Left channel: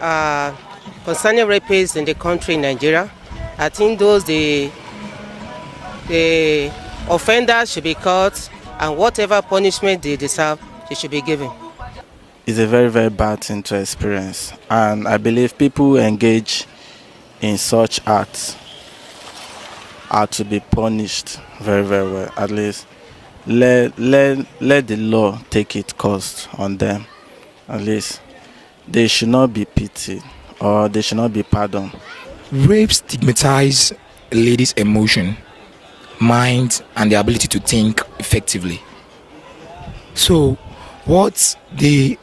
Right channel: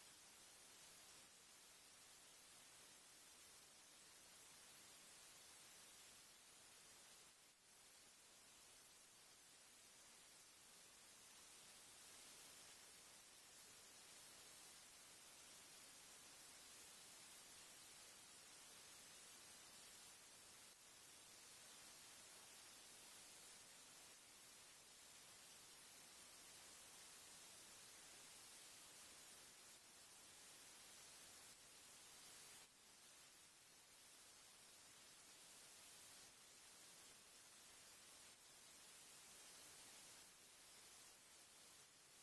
uh, concerning rapists in the country, Nigeria, I think the offenders should be caught, and whatever punishment they deserve, they should be given. It's a very, very bad thing to experience. And I believe people who engage in such acts are to be punished very, very well. At least let the law take its course on them. At least they should not be pitied or they should not be pardoned. Rape stigmatizes a lady's emotion, mind, and the ability to think effectively. So, what's the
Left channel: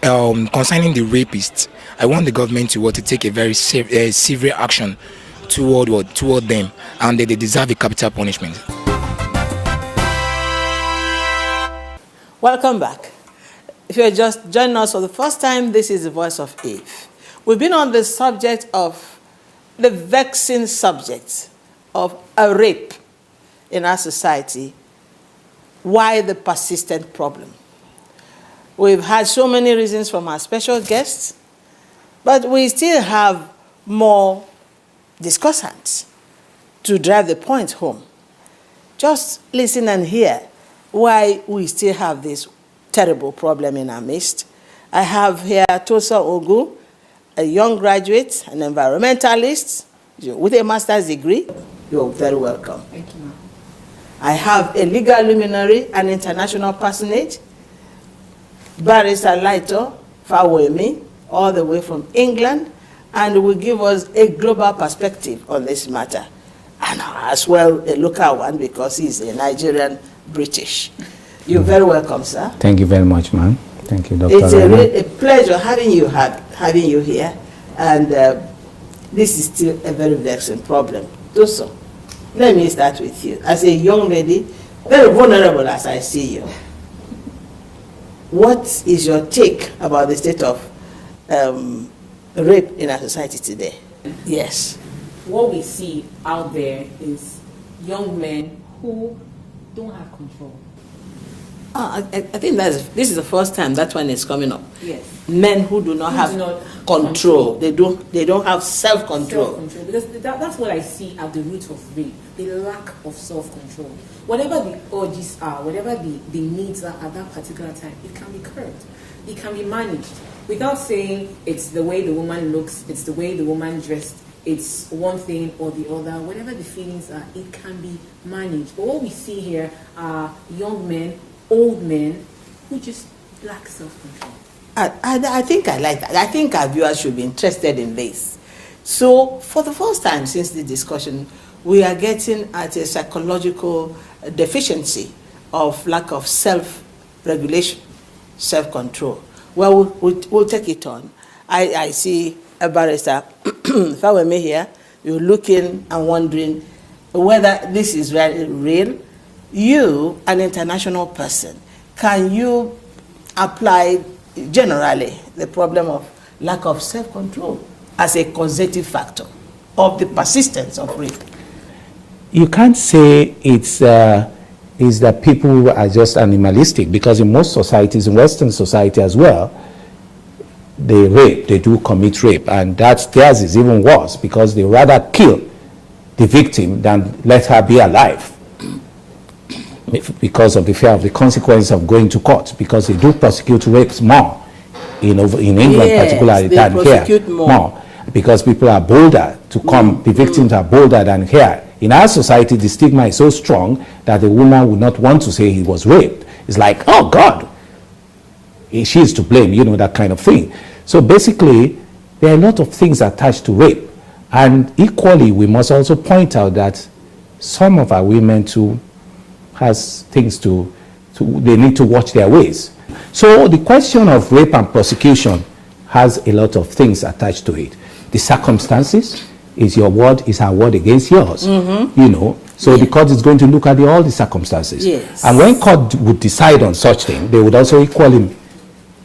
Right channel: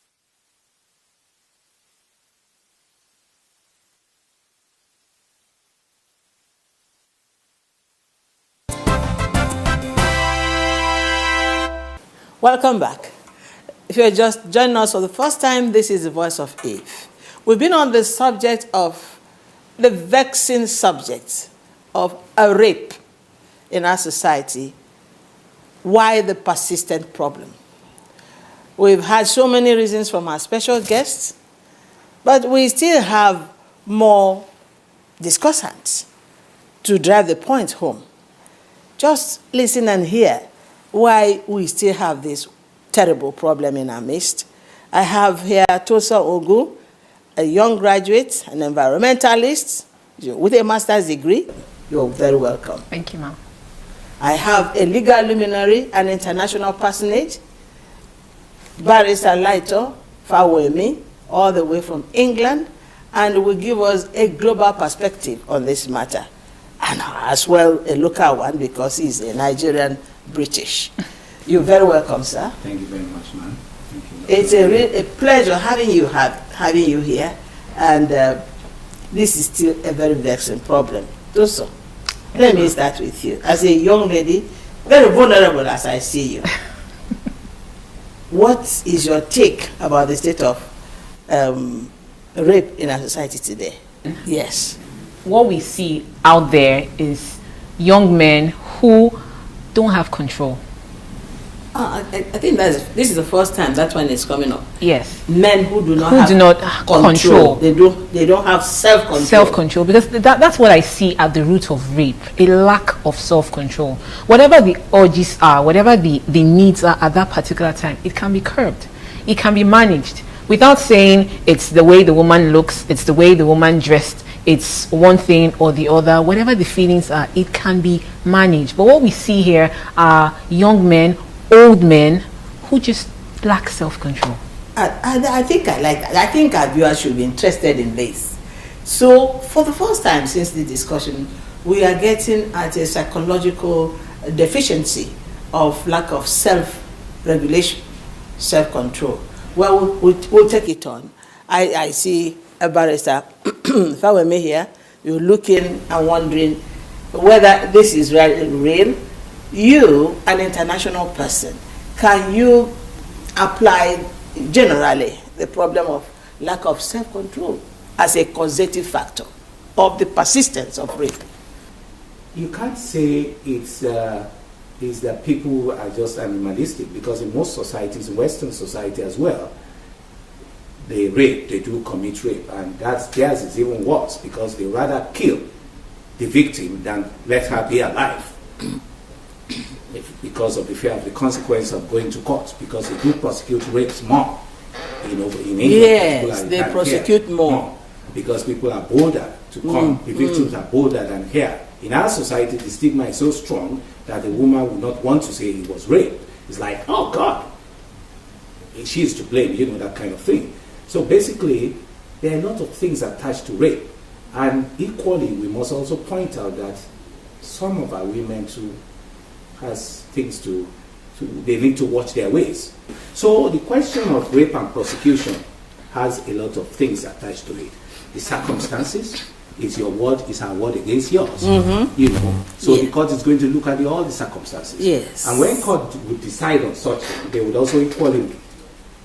concerning the rapists? I want the government to take a very severe action toward them, and they deserve a capital punishment. Welcome back. If you're just joining us for the first time, this is the Voice of Eve. We've been on the subject of the vexing subject of a rape in our society. Why the persistent problem? We've had so many reasons from our special guests, but we still have more discussants to drive the point home. Just listen and hear why we still have this terrible problem in our midst. I have here Tosa Ogu, a young graduate, an environmentalist with a master's degree. You're very welcome. Thank you, ma'am. I have a legal luminary, an international personage, Barrister Laito Fawemi, all the way from England, and will give us a global perspective on this matter, and as well a local one because he's a Nigerian British. You're very welcome, sir. Thank you very much, ma'am. Thank you, Dr. It's a pleasure having you here, and this is still a very vexing problem. Toso, let me start with you. As a young lady, very vulnerable as I see you, what is your take about the state of rape in our society today? Yes. What we see out there is young men who don't have control. I think this is the first time that one is coming up. Yes. Men who do not have control. They don't have self-control. Self-control, because that's what I see at the root of rape, a lack of self-control. Whatever the urges are, whatever the needs are at that particular time, it can be curbed. It can be managed without saying it's the way the woman looks, it's the way the woman dressed, it's one thing or the other. Whatever the feelings are, it can be managed. But what we see here are young men, old men who just lack self-control. I think I like that. I think our viewers should be interested in this. So for the first time since the discussion, we are getting at a psychological deficiency of lack of self-regulation, self-control. Well, we'll take it on. I see a barrister, if I were me here, you're looking and wondering whether this is real. You, an international person, can you apply generally the problem of lack of self-control as a causative factor of the persistence of rape? You can't say it's that people are just animalistic, because in most societies, in Western society as well, they do commit rape, and theirs is even worse, because they rather kill the victim than let her be alive, because of the fear of the consequence of going to court, because they do prosecute rapes more in England, yes, particularly they than prosecute here, more, because people are bolder to come. The victims are bolder than here. In our society, the stigma is so strong that the woman would not want to say he was raped. It's like, oh God, she is to blame, that kind of thing. So basically, there are a lot of things attached to rape. And equally, we must also point out that some of our women too has things they need to watch their ways. So the question of rape and prosecution has a lot of things attached to it. The circumstances is your word, is our word against yours. So the court is going to look at all the circumstances. Yes. And when court would decide on such thing, they would also equally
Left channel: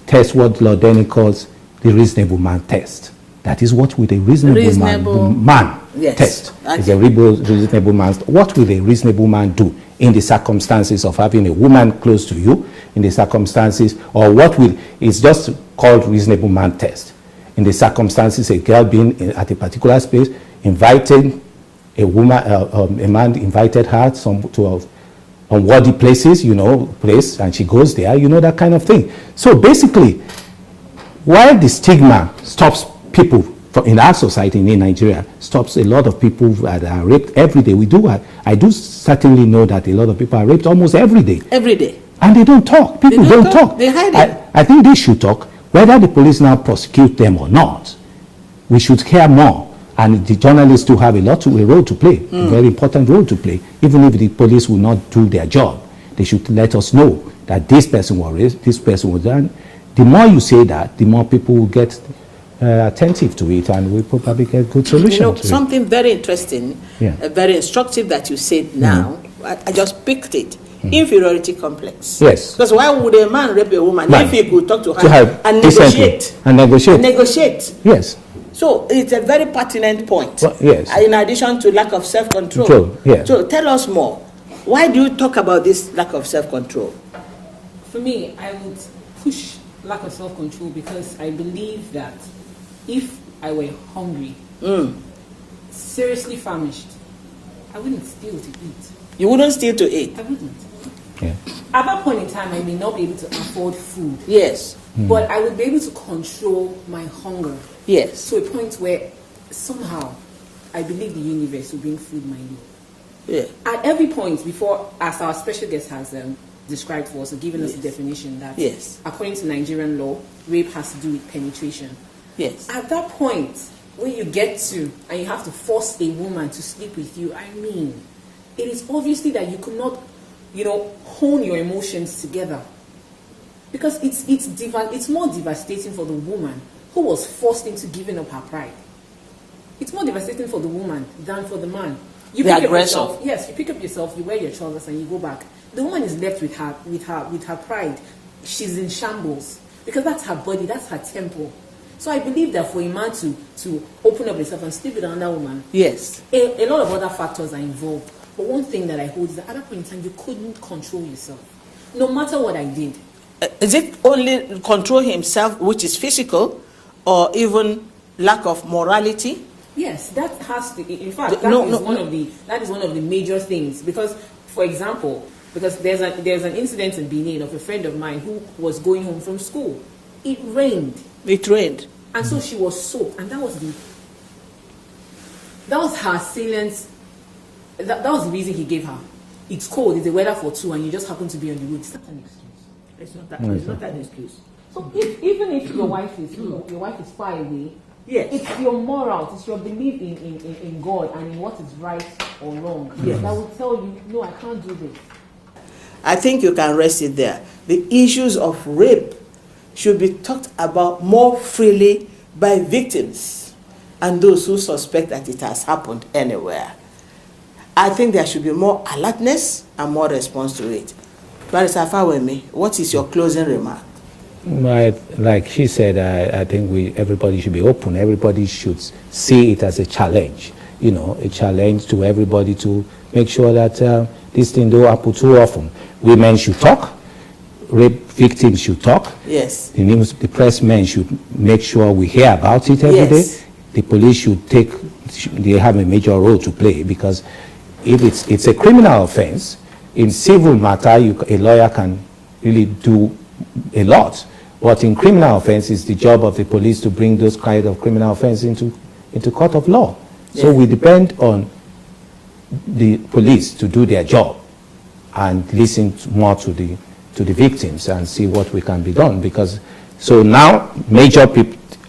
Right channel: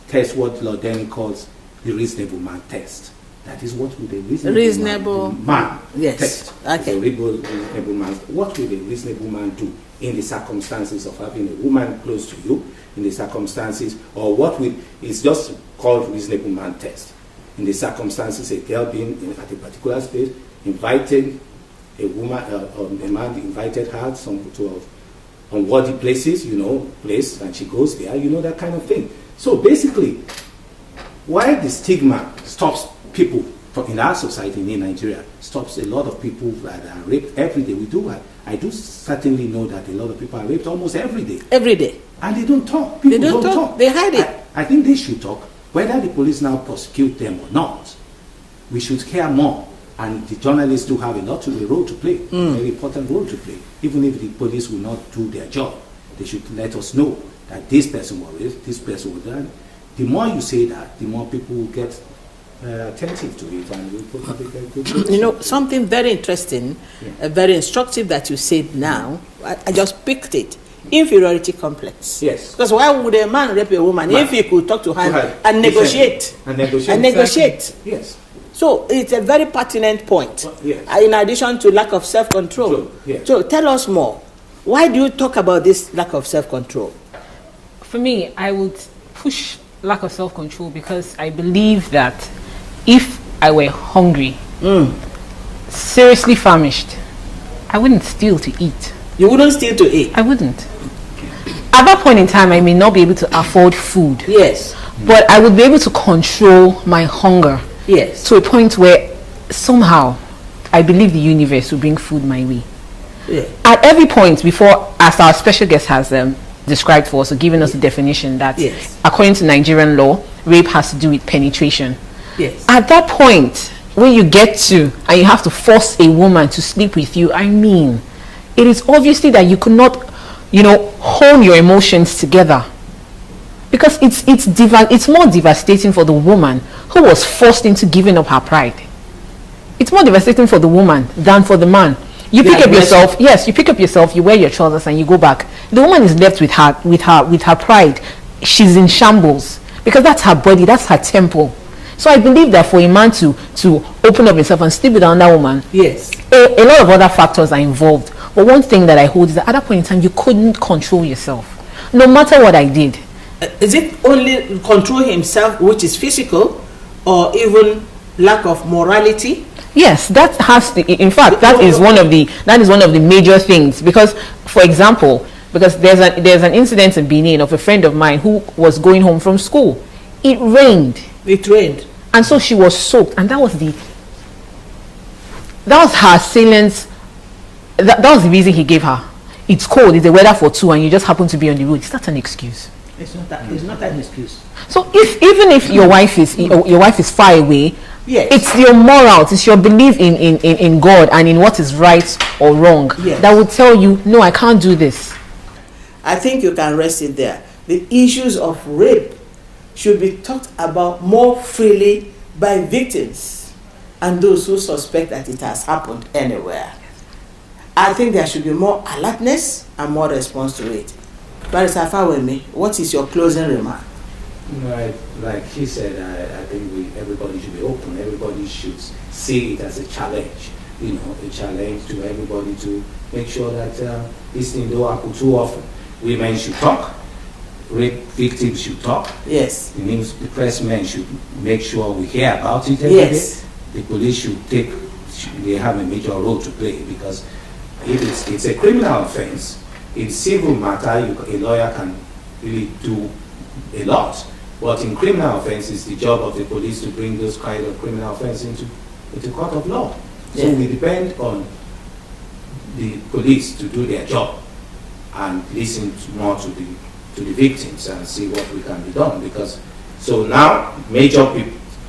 test what Lord Denny calls the reasonable man test. That is, what would a reasonable man test? Okay. Is a reasonable man. What will a reasonable man do in the circumstances of having a woman close to you, in the circumstances, or what will, it's just called reasonable man test. in the circumstances, a girl being at a particular space, inviting a woman, a man invited her to unworthy places, and she goes there, that kind of thing. So basically, while the stigma stops people in our society in Nigeria, stops a lot of people that are raped every day. I do certainly know that a lot of people are raped almost every day. Every day. And they don't talk. People don't talk. They hide it. I think they should talk. Whether the police now prosecute them or not, we should hear more. And the journalists do have a role to play, a very important role to play. Even if the police will not do their job, they should let us know that this person was raped, this person was done. The more you say that, the more people will get attentive to it, and we'll probably get good solutions. Something very interesting, very instructive that you said now, I just picked it. Inferiority complex. Yes. Because why would a man rape a woman if he could talk to her and negotiate? And negotiate. Yes. So it's a very pertinent point. Well, yes. In addition to lack of self-control. Yes. So tell us more. Why do you talk about this lack of self-control? For me, I would push lack of self-control because I believe that if I were hungry, seriously famished, I wouldn't steal to eat. You wouldn't steal to eat? I wouldn't. Okay. At that point in time, I may not be able to afford food. Yes. But I would be able to control my hunger. Yes. To a point where somehow I believe the universe will bring food my way. Yeah. At every point before, as our special guest has described for us, or given us the definition that according to Nigerian law, rape has to do with penetration. Yes. At that point, when you get to, and you have to force a woman to sleep with you, I mean, it is obviously that you could not, hone your emotions together. Because it's more devastating for the woman who was forced into giving up her pride. It's more devastating for the woman than for the man. You pick up yourself, you pick up yourself, you wear your trousers and you go back. The woman is left with her pride. She's in shambles because that's her body, that's her temple. So I believe that for a man to open up himself and sleep with another woman, yes, a lot of other factors are involved. But one thing that I hold is that at that point in time, you couldn't control yourself, no matter what I did. Is it only control himself, which is physical, or even lack of morality? Yes, that has to. In fact, that is one of the major things. Because, for example, because there's an incident in Benin of a friend of mine who was going home from school. It rained. It rained, and so she was soaked, and that was her assailant's. That was the reason he gave her. It's cold. It's the weather for two, and you just happen to be on the road. It's not an excuse. It's not an excuse. So even if your wife is far away, yes, it's your morals, it's your belief in God and in what is right or wrong that will tell you, no, I can't do this. I think you can rest it there. The issues of rape should be talked about more freely by victims and those who suspect that it has happened anywhere. I think there should be more alertness and more response to it. Barrister Fawemi, what is your closing remark? Like she said, I think everybody should be open. Everybody should see it as a challenge. A challenge to everybody to make sure that this thing don't happen too often. Women should talk. Rape victims should talk. Yes. The press men should make sure we hear about it every day. The police they have a major role to play, because it's a criminal offense. In civil matter, a lawyer can really do a lot. But in criminal offense, it's the job of the police to bring those kind of criminal offense into court of law. So we depend on the police to do their job and listen more to the victims and see what we can be done. Because so now major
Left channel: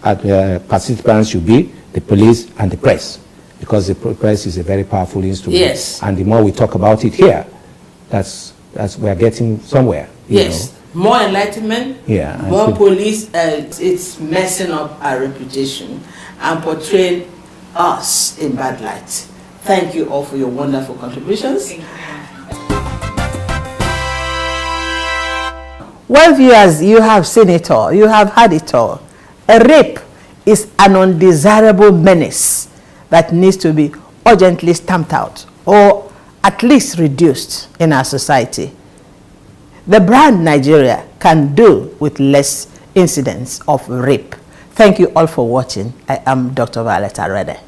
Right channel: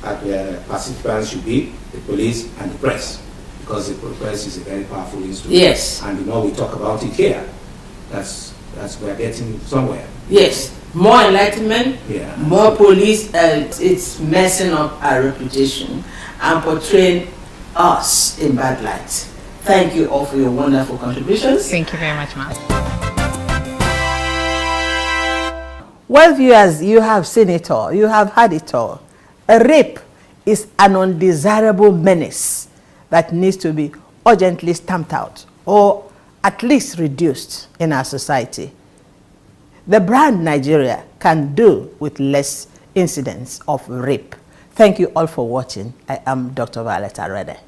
participants should be the police and the press, because the press is a very powerful instrument. Yes. And the more we talk about it here, that's we are getting somewhere. Yes. More enlightenment, more police, it's messing up our reputation and portraying us in bad light. Thank you all for your wonderful contributions. Thank you very much, ma'am. Well, viewers, you have seen it all. You have heard it all. A rape is an undesirable menace that needs to be urgently stamped out or at least reduced in our society. The brand Nigeria can do with less incidents of rape. Thank you all for watching. I am Dr. Violet Arede.